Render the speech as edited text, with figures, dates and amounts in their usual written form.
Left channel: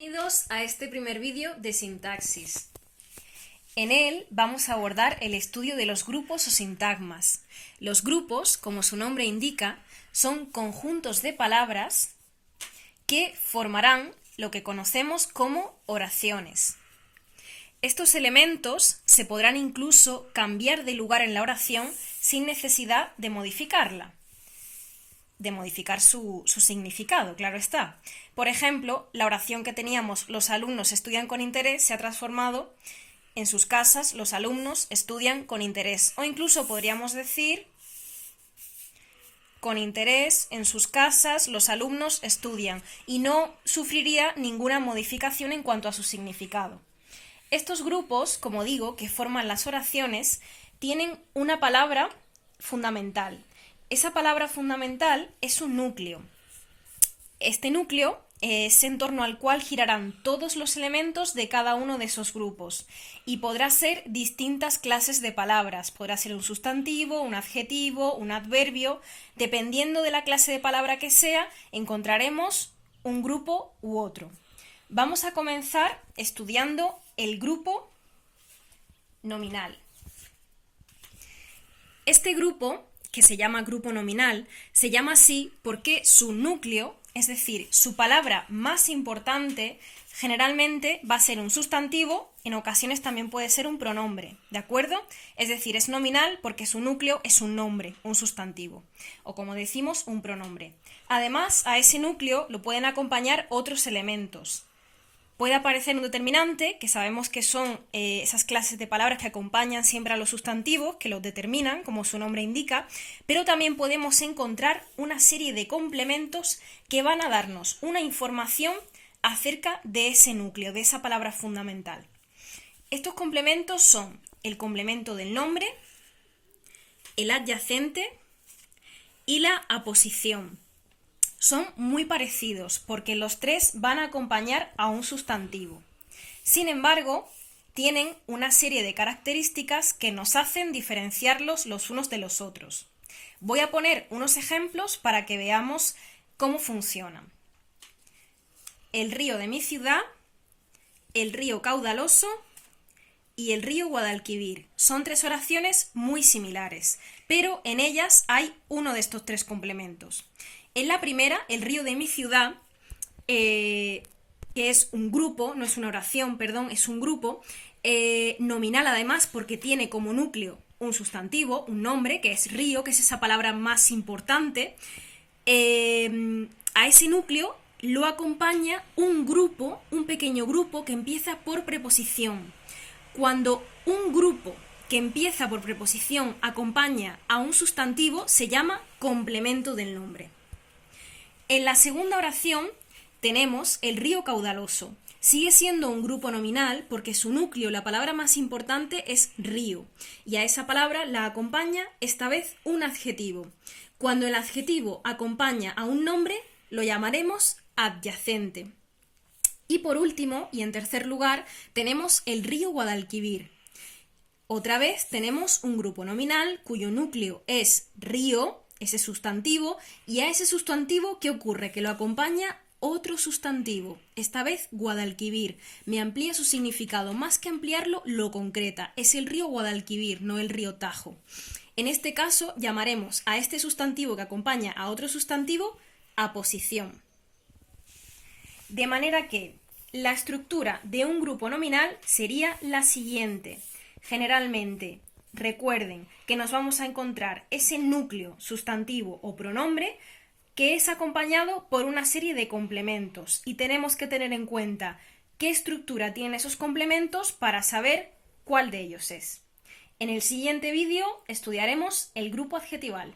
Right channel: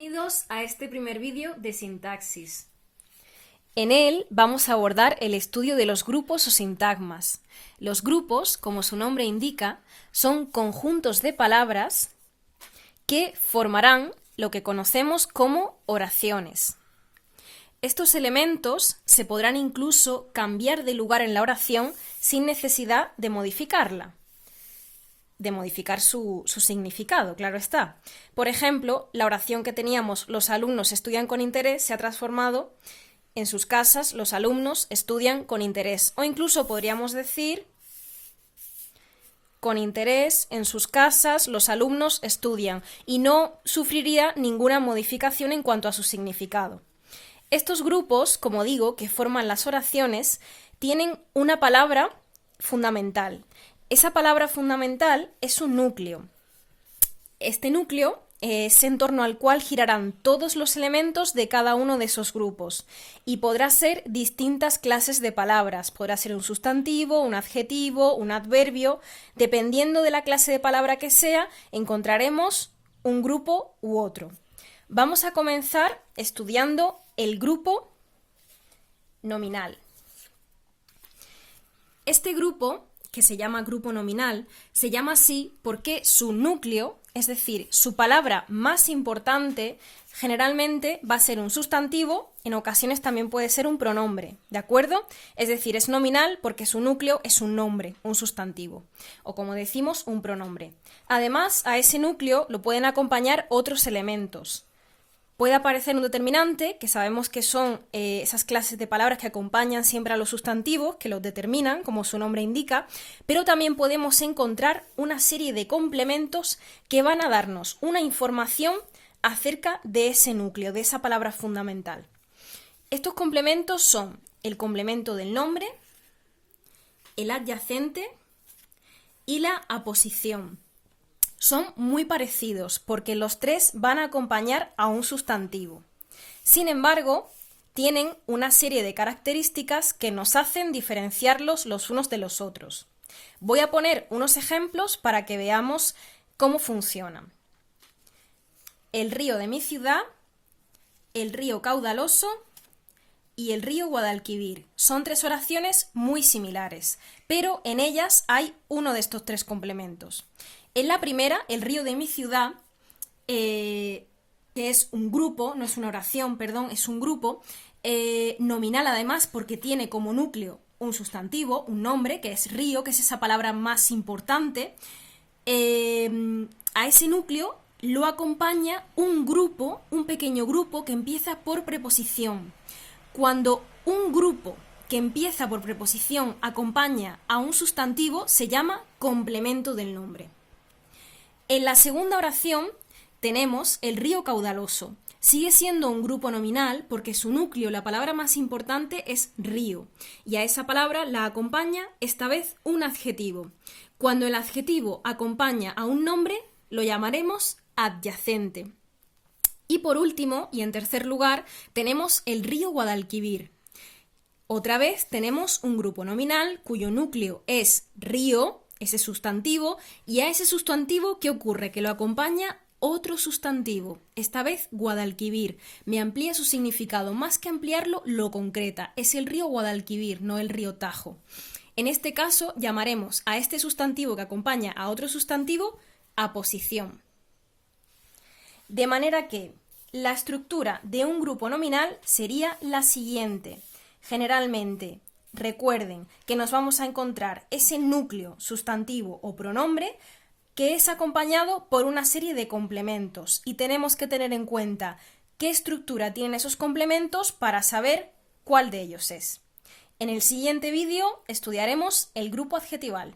Bienvenidos a este primer vídeo de sintaxis. En él vamos a abordar el estudio de los grupos o sintagmas. Los grupos, como su nombre indica, son conjuntos de palabras que formarán lo que conocemos como oraciones. Estos elementos se podrán incluso cambiar de lugar en la oración sin necesidad de modificarla. De modificar su significado, claro está. Por ejemplo, la oración que teníamos los alumnos estudian con interés se ha transformado en sus casas los alumnos estudian con interés. O incluso podríamos decir con interés en sus casas los alumnos estudian y no sufriría ninguna modificación en cuanto a su significado. Estos grupos, como digo, que forman las oraciones, tienen una palabra fundamental. Esa palabra fundamental es un núcleo. Este núcleo es en torno al cual girarán todos los elementos de cada uno de esos grupos y podrá ser distintas clases de palabras. Podrá ser un sustantivo, un adjetivo, un adverbio. Dependiendo de la clase de palabra que sea, encontraremos un grupo u otro. Vamos a comenzar estudiando el grupo nominal. Este grupo, que se llama grupo nominal, se llama así porque su núcleo, es decir, su palabra más importante, generalmente va a ser un sustantivo, en ocasiones también puede ser un pronombre, ¿de acuerdo? Es decir, es nominal porque su núcleo es un nombre, un sustantivo, o como decimos, un pronombre. Además, a ese núcleo lo pueden acompañar otros elementos. Puede aparecer un determinante, que sabemos que son esas clases de palabras que acompañan siempre a los sustantivos, que los determinan, como su nombre indica, pero también podemos encontrar una serie de complementos que van a darnos una información acerca de ese núcleo, de esa palabra fundamental. Estos complementos son el complemento del nombre, el adyacente y la aposición. Son muy parecidos porque los tres van a acompañar a un sustantivo. Sin embargo, tienen una serie de características que nos hacen diferenciarlos los unos de los otros. Voy a poner unos ejemplos para que veamos cómo funcionan. El río de mi ciudad, el río caudaloso y el río Guadalquivir. Son tres oraciones muy similares, pero en ellas hay uno de estos tres complementos. En la primera, el río de mi ciudad, que es un grupo, no es una oración, perdón, es un grupo, nominal además porque tiene como núcleo un sustantivo, un nombre, que es río, que es esa palabra más importante. A ese núcleo lo acompaña un grupo, un pequeño grupo que empieza por preposición. Cuando un grupo que empieza por preposición acompaña a un sustantivo, se llama complemento del nombre. En la segunda oración tenemos el río caudaloso. Sigue siendo un grupo nominal porque su núcleo, la palabra más importante, es río. Y a esa palabra la acompaña esta vez un adjetivo. Cuando el adjetivo acompaña a un nombre, lo llamaremos adyacente. Y por último, y en tercer lugar, tenemos el río Guadalquivir. Otra vez tenemos un grupo nominal cuyo núcleo es río, ese sustantivo, y a ese sustantivo, ¿qué ocurre? Que lo acompaña otro sustantivo, esta vez Guadalquivir. Me amplía su significado, más que ampliarlo, lo concreta. Es el río Guadalquivir, no el río Tajo. En este caso, llamaremos a este sustantivo que acompaña a otro sustantivo aposición. De manera que la estructura de un grupo nominal sería la siguiente. Generalmente, recuerden que nos vamos a encontrar ese núcleo, sustantivo o pronombre que es acompañado por una serie de complementos y tenemos que tener en cuenta qué estructura tienen esos complementos para saber cuál de ellos es. En el siguiente vídeo estudiaremos el grupo adjetival.